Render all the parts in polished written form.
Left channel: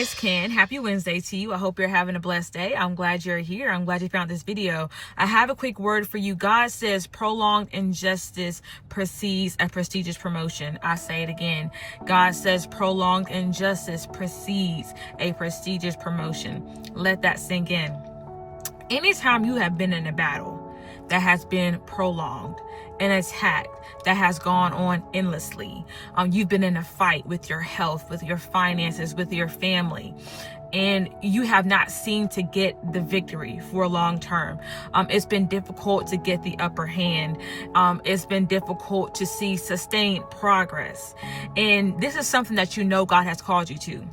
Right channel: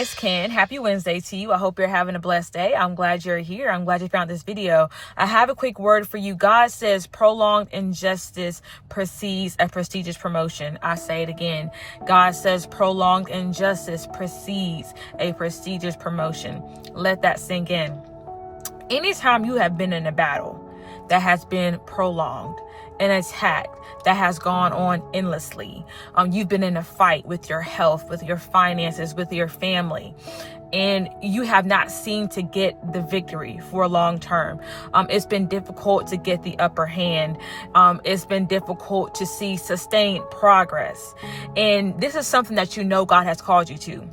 Hey, it's Ken. Happy Wednesday to you. I hope you're having a blessed day. I'm glad you're here. I'm glad you found this video. I have a quick word for you. God says prolonged injustice precedes a prestigious promotion. I say it again. God says prolonged injustice precedes a prestigious promotion. Let that sink in. Anytime you have been in a battle that has been prolonged, an attack that has gone on endlessly, you've been in a fight with your health, with your finances, with your family, and you have not seemed to get the victory for a long term. It's been difficult to get the upper hand. It's been difficult to see sustained progress. And this is something that you know God has called you to.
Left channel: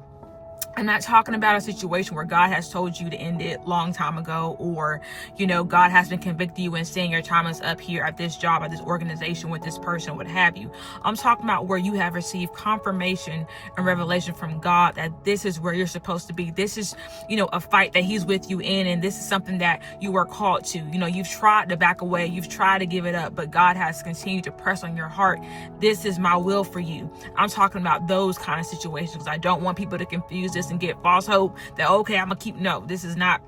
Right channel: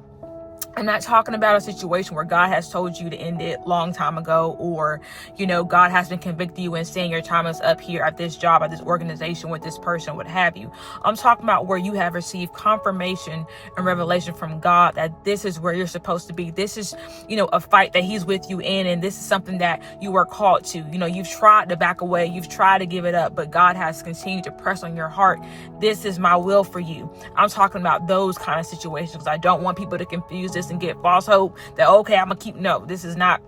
I'm not talking about a situation where God has told you to end it long time ago, or, God has been convicting you and saying your time is up here at this job, at this organization, with this person, what have you. I'm talking about where you have received confirmation and revelation from God that this is where you're supposed to be. This is, a fight that he's with you in, and this is something that you are called to. You've tried to back away, you've tried to give it up, but God has continued to press on your heart. This is my will for you. I'm talking about those kind of situations. I don't want people to confuse this and get false hope that, okay, I'm gonna keep. No, this is not.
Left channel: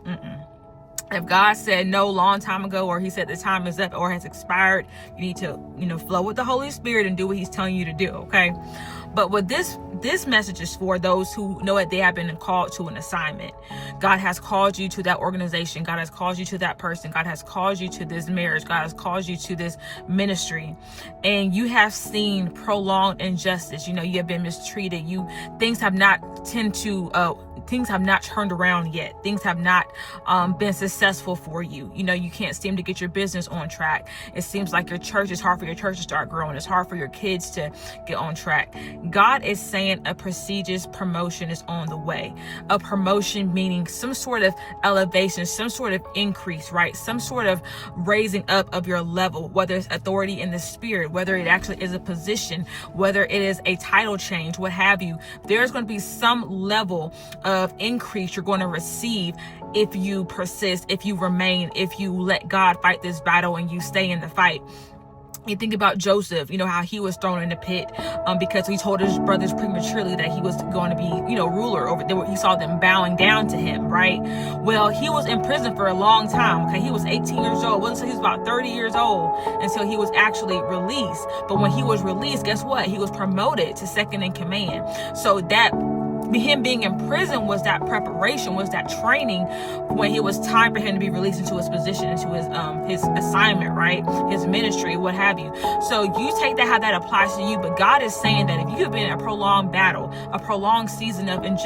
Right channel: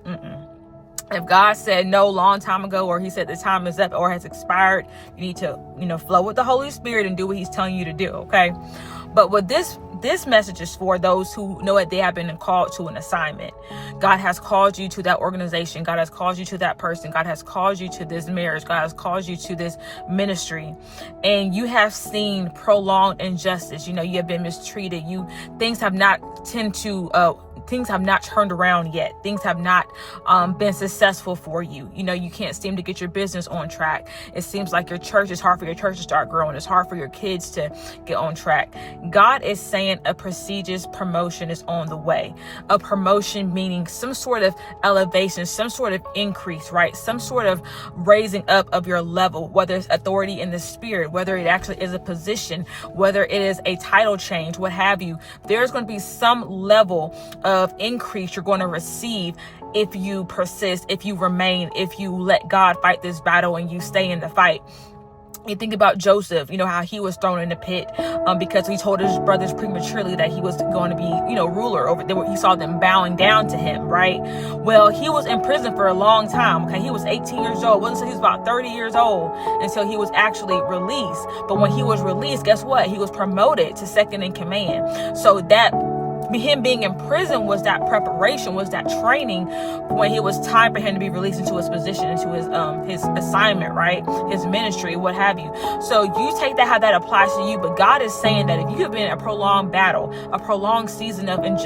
If God said no long time ago, or he said the time is up or has expired, you need to, flow with the Holy Spirit and do what he's telling you to do. Okay. But what this message is for those who know that they have been called to an assignment. God has called you to that organization. God has called you to that person. God has called you to this marriage. God has called you to this ministry. And you have seen prolonged injustice. You have been mistreated. Things have not turned around yet. Things have not been successful for you. You can't seem to get your business on track. It seems like it's hard for your church to start growing. It's hard for your kids to get on track. God is saying a prestigious promotion is on the way. A promotion meaning some sort of elevation, some sort of increase, right? Some sort of raising up of your level, whether it's authority in the spirit, whether it actually is a position, whether it is a title change, what have you. There's going to be some level of increase you're going to receive if you persist, if you remain, if you let God fight this battle and you stay in the fight. You think about Joseph, how he was thrown in the pit because he told his brothers prematurely that he was going to be, ruler over there. He saw them bowing down to him, right? Well, he was in prison for a long time. Okay, he was 18 years old. Wasn't until he was about 30 years old until he was actually released. But when he was released, guess what? He was promoted to second in command. So that him being in prison was that preparation, was that training when it was time for him to be released into his position, into his assignment, right? His ministry, what have you. So you take that, how that applies to you. But God is saying that if you have been in a prolonged battle, a prolonged season of injustice,